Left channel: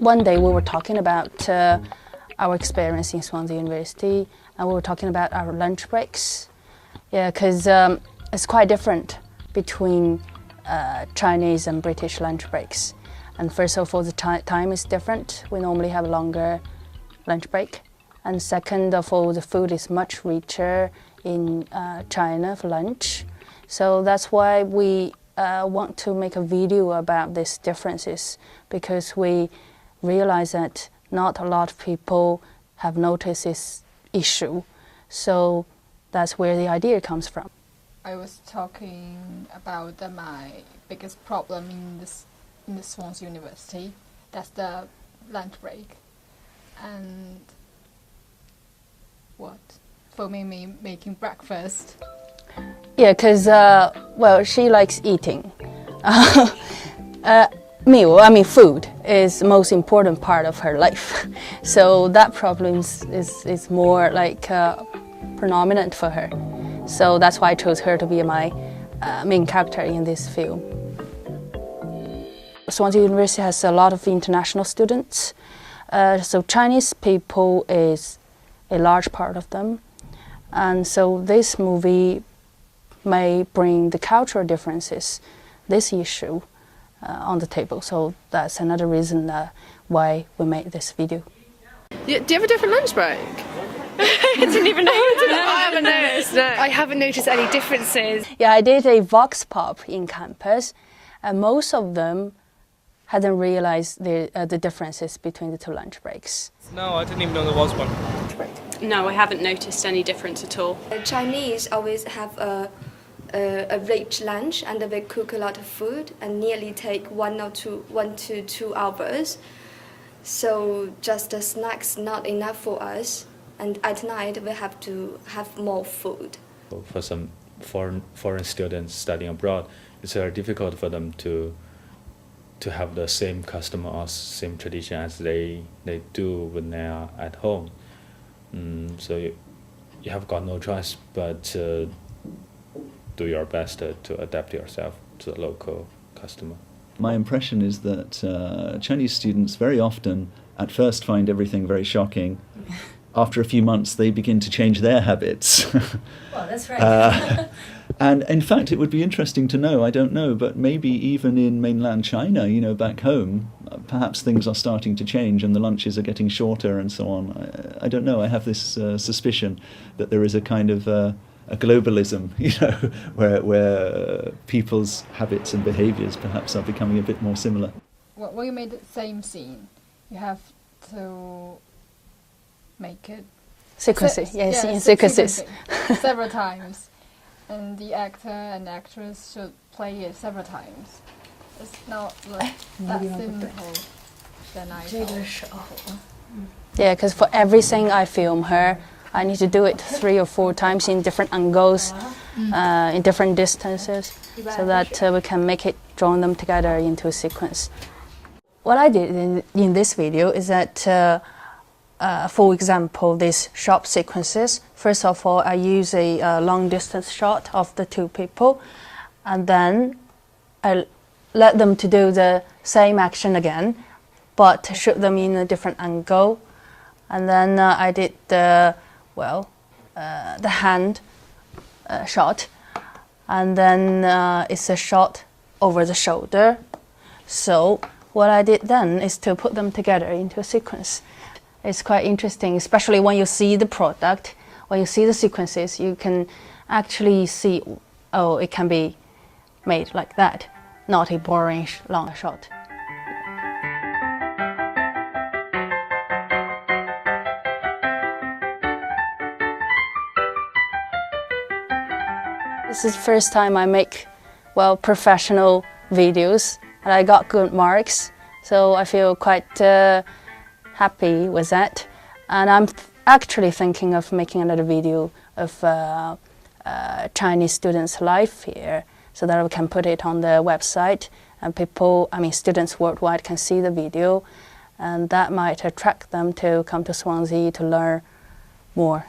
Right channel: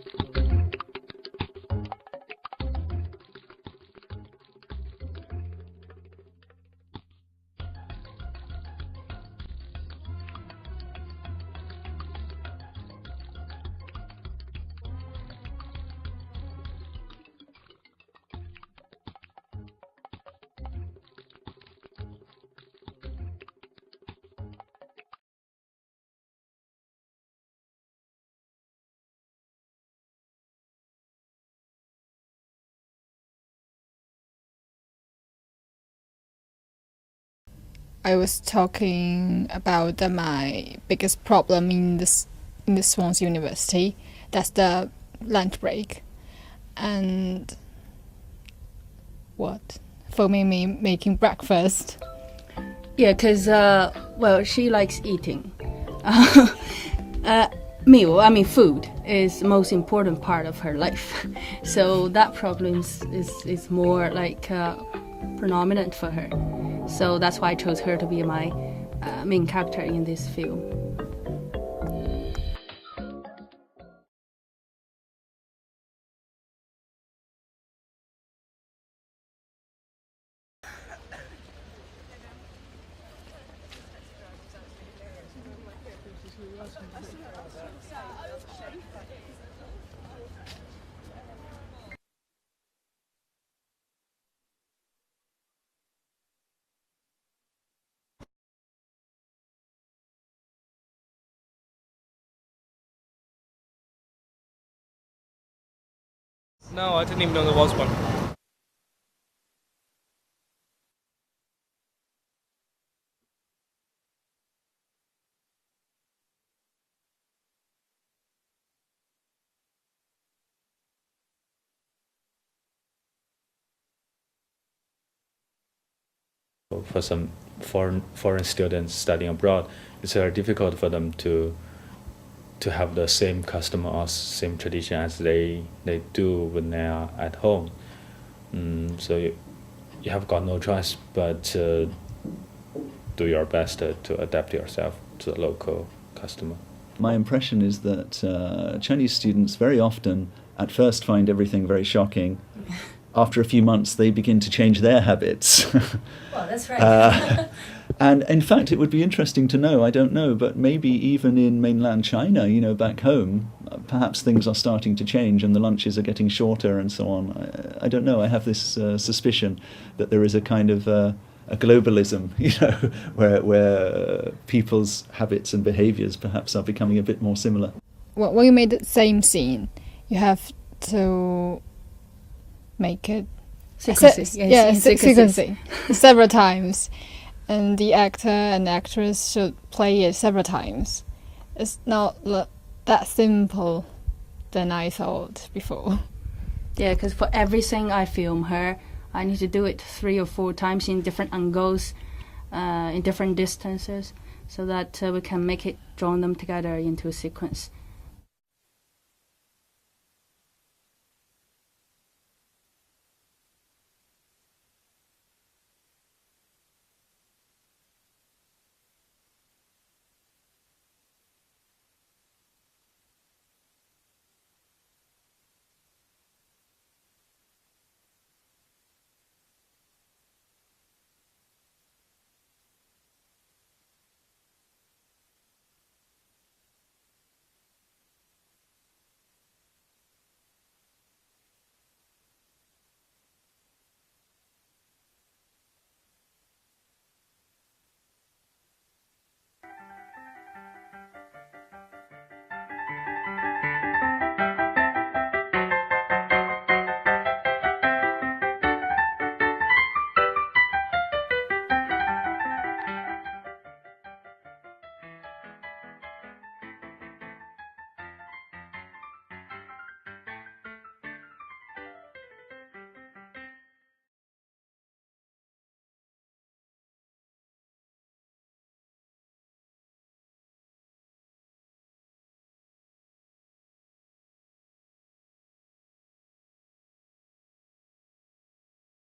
One day we were talking about our experience in Swansea University, and we were talking about our lunch breaks. Yeah, because it's quite different between Chinese and British lunch breaks. And first of all, the time is different. We normally have a longer lunch break. And second of all, the food is much richer in China for lunch. So that's why we want to make a video about these differences, because we realize that not a lot of people have noticed this issue. So that's where the idea comes from. I was talking about my biggest problem in the Swansea University. That's the lunch break. And what? For me, making breakfast. Yeah, because, well, she likes eating. Food is the most important part of her life. So that problem is more like predominant for her. So that's why I chose her to be my main character in this film. Swansea University has a lot of international students. So Chinese people is a large part of them. And so this movie may bring the cultural differences, this issue, on the table. So that's another reason why we made this video. Do you have a different lunch break? I didn't even know. I haven't noticed. No. I haven't noticed any differences. Yeah, I did a vox pop in campus, and most of them hadn't realized the differences between the two lunch breaks. No, I didn't even know there was one. No, I haven't noticed any difference at all. The Chinese always have a rich lunch, and they cook a lot of food and nearly take 1 to 2 hours. So just the snacks not enough for us, and at night we have to have more food. For some foreign students studying abroad, it's very difficult for them to have the same custom or same tradition as they do when they are at home. So you have got no choice but to do your best to adapt yourself to the local customer. My impression is that Chinese students very often at first find everything very shocking. After a few months they begin to change their habits. Well, that's right. And in fact it would be interesting to know, I don't know, but maybe even in mainland China, back home, perhaps things are starting to change and the lunches are getting shorter and so on. I don't know, I have this suspicion that there is a kind of a globalism, where people's habits and behaviours perhaps are becoming a bit more similar. Well, when you made the same scene, you have to make it sequences several times, and the actor and actress should play it several times. It's not that simple than I thought before. Yeah, because for everything I film her, I need to do it 3 or 4 times in different angles, in different distances, so that we can make it, join them together into a sequence. What I did in this video is that, for example, these shop sequences, first of all, I use a long distance shot of the 2 people, and then I let them to do the same action again, but shoot them in a different angle. And then I did the hand shot, and then it's a shot over the shoulder. So what I did then is to put them together into a sequence. It's quite interesting, especially when you see the product, when you see the sequences, you can actually see, oh, it can be made like that, not a boring long shot. This is the first time I make, professional videos, and I got good marks, so I feel quite happy with that. And I'm actually thinking of making another video of Chinese students' life here, so that we can put it on the website, and students worldwide can see the video, and that might attract them to come to Swansea to learn more.